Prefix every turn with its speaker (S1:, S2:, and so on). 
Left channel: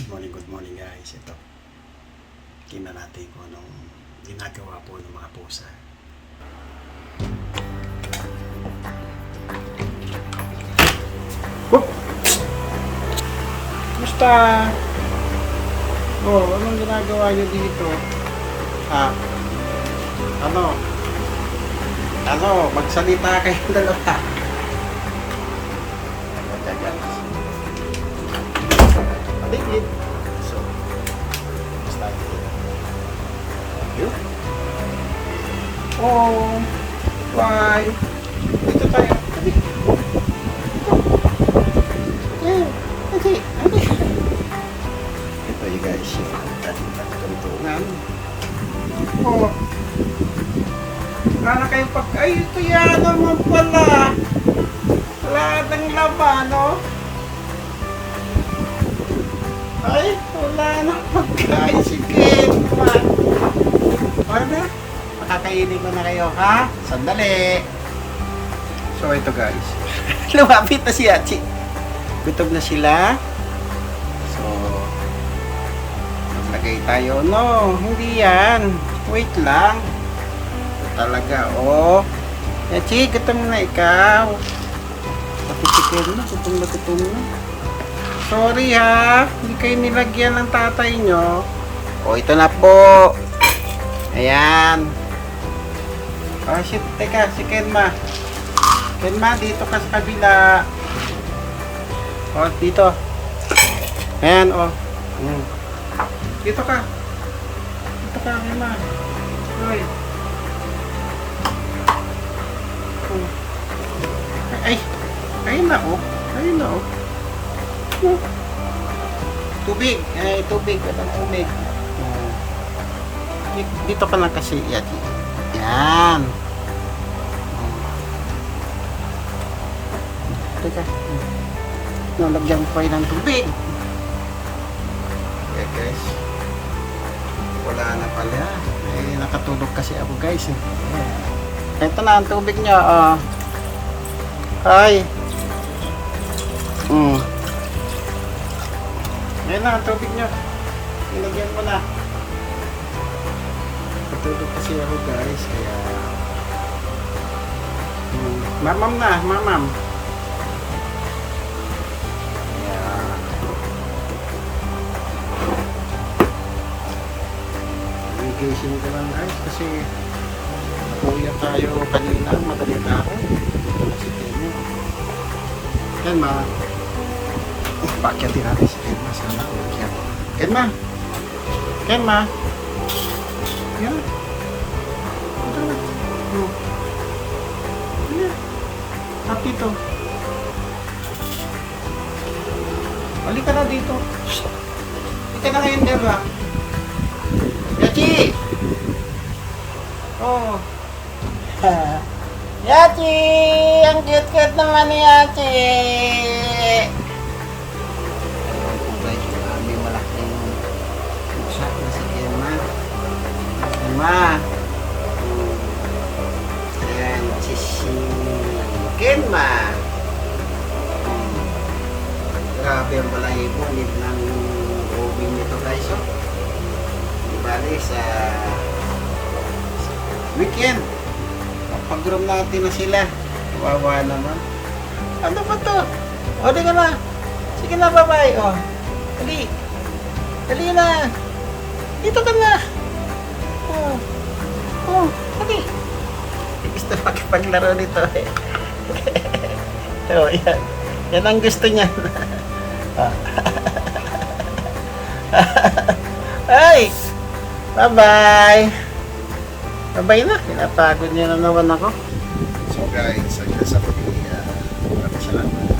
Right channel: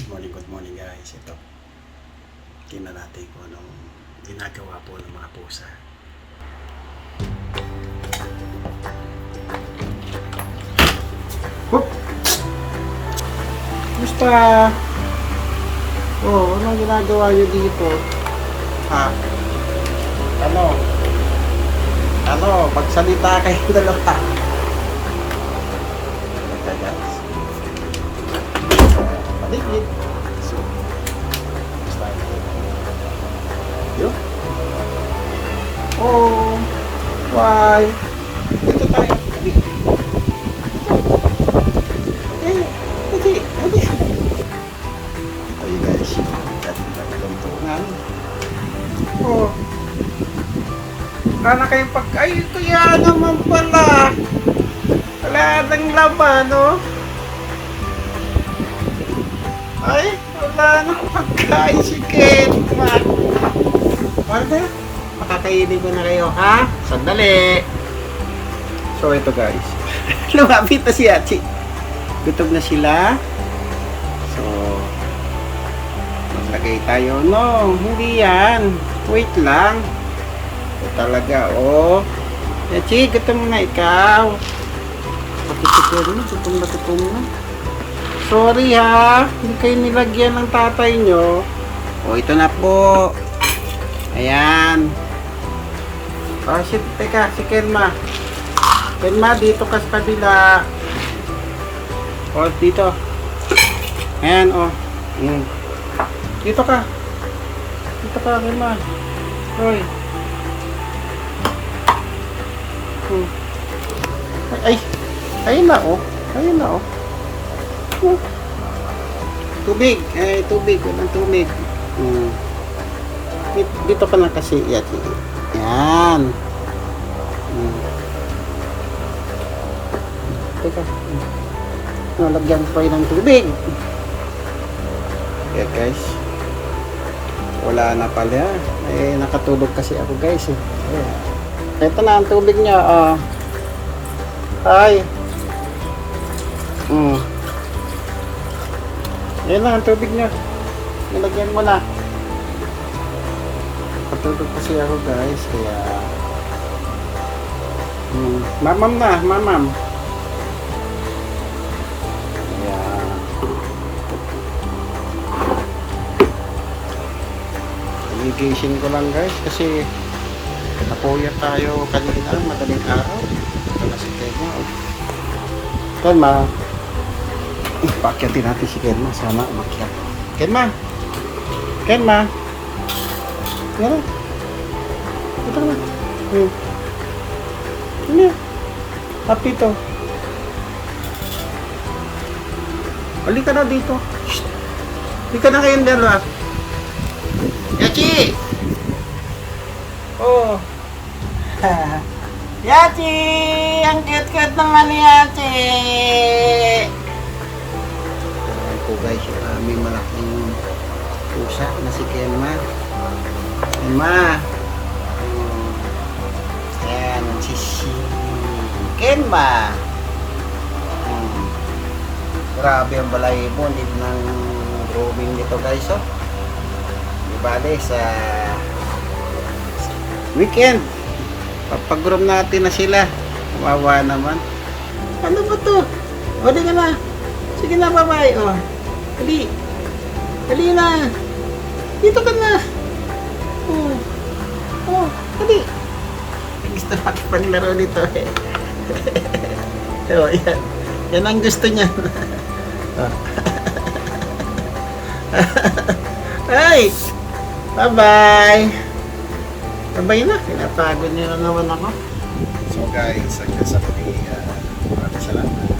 S1: Good morning, good morning guys. Ito, tingnan natin kung anong ginagawa po ng mga pusa. Oh! Kumusta? Oh, anong ginagawa niyo dito? Ha? Ano? Ano? Magsalita kayong dalawa. Okay guys. Paligid. So, basta Yun. Oh, why? Dito tayo. Dito. Eh, dito. Dito. Ito yung guys. yung kanilang tuntungan. Oh. Wala kayong pag... Ay, ito yan naman pala. Wala nang laman, no? Ay, wala na pagkain si. Paano na? Makakainin ko na kayo, ha? Sandali. So, ito guys. Lumapit na si Achi. Gutom na sila. So, maglagay tayo. No, hindi yan. Wait lang. Ito talaga, oh. Achi, gutom na ikaw. Pati si Kenma, gutom na gutom na. Sorry ha, hindi kayo nilagyan ng tatay nyo. O, ito na po. Ayan. O, shit, teka, si Kenma. Kenma, dito ka sa kabila. O, dito. Ayan, o. Mm. Dito ka. Dito ka, Kenma. Hoy. Hmm. Ay, ayun na, o. Ayun na, o. Oh. Tubig. Eh, tubig. Walang tubig. Hmm. Dito, dito ka lang kasi. Yan. Yan. Hmm. Teka. Nalagyan ko ng tubig. Yeah, guys. Wala na pala. Eh, nakatulog kasi ako, guys. Eh. Ito na ang tubig niya. Ah. Hi. Hmm. Yan na, ang tubig nyo. Nilagyan mo na. Patulog kasi ako guys, kaya... Hmm, mamam na, mamam. Kaya... Gising ko lang guys, kasi... Napuya tayo kanina, madaling araw. Ito na si Temo. Kalma. Paakyatin natin si Kenma. Sana umakyat. Kenma! Kenma! Yan na. Ito ka na. Hmm. Ano yan? Happy to. Balik ka na dito. Shh! Balik ka na kayong dalawa. Yachi! Oh. Yachi! Ang cute-cute naman ni Yachi! Aming malaking pusa na si Kenma. Kenma! Hmm. Ayan, si si Kenma. Hmm. Grabe ang balahibo nito ng growing nito guys, oh. Di bale sa weekend. Pag-groom natin na sila. Kawawa naman. Ano ba to? O, di ka na. Sige na, bye-bye. Oh. Dali. Dali na. Dito ka na. Oh. Oh, dali. Gusto makipaglaro nito eh. oh, yan. Yan ang gusto niya. Ah. Ay! Bye-bye! Bye-bye na. Pinapagod niyo na naman ako. So guys, hanggang sa muli. Uh, maraming salamat.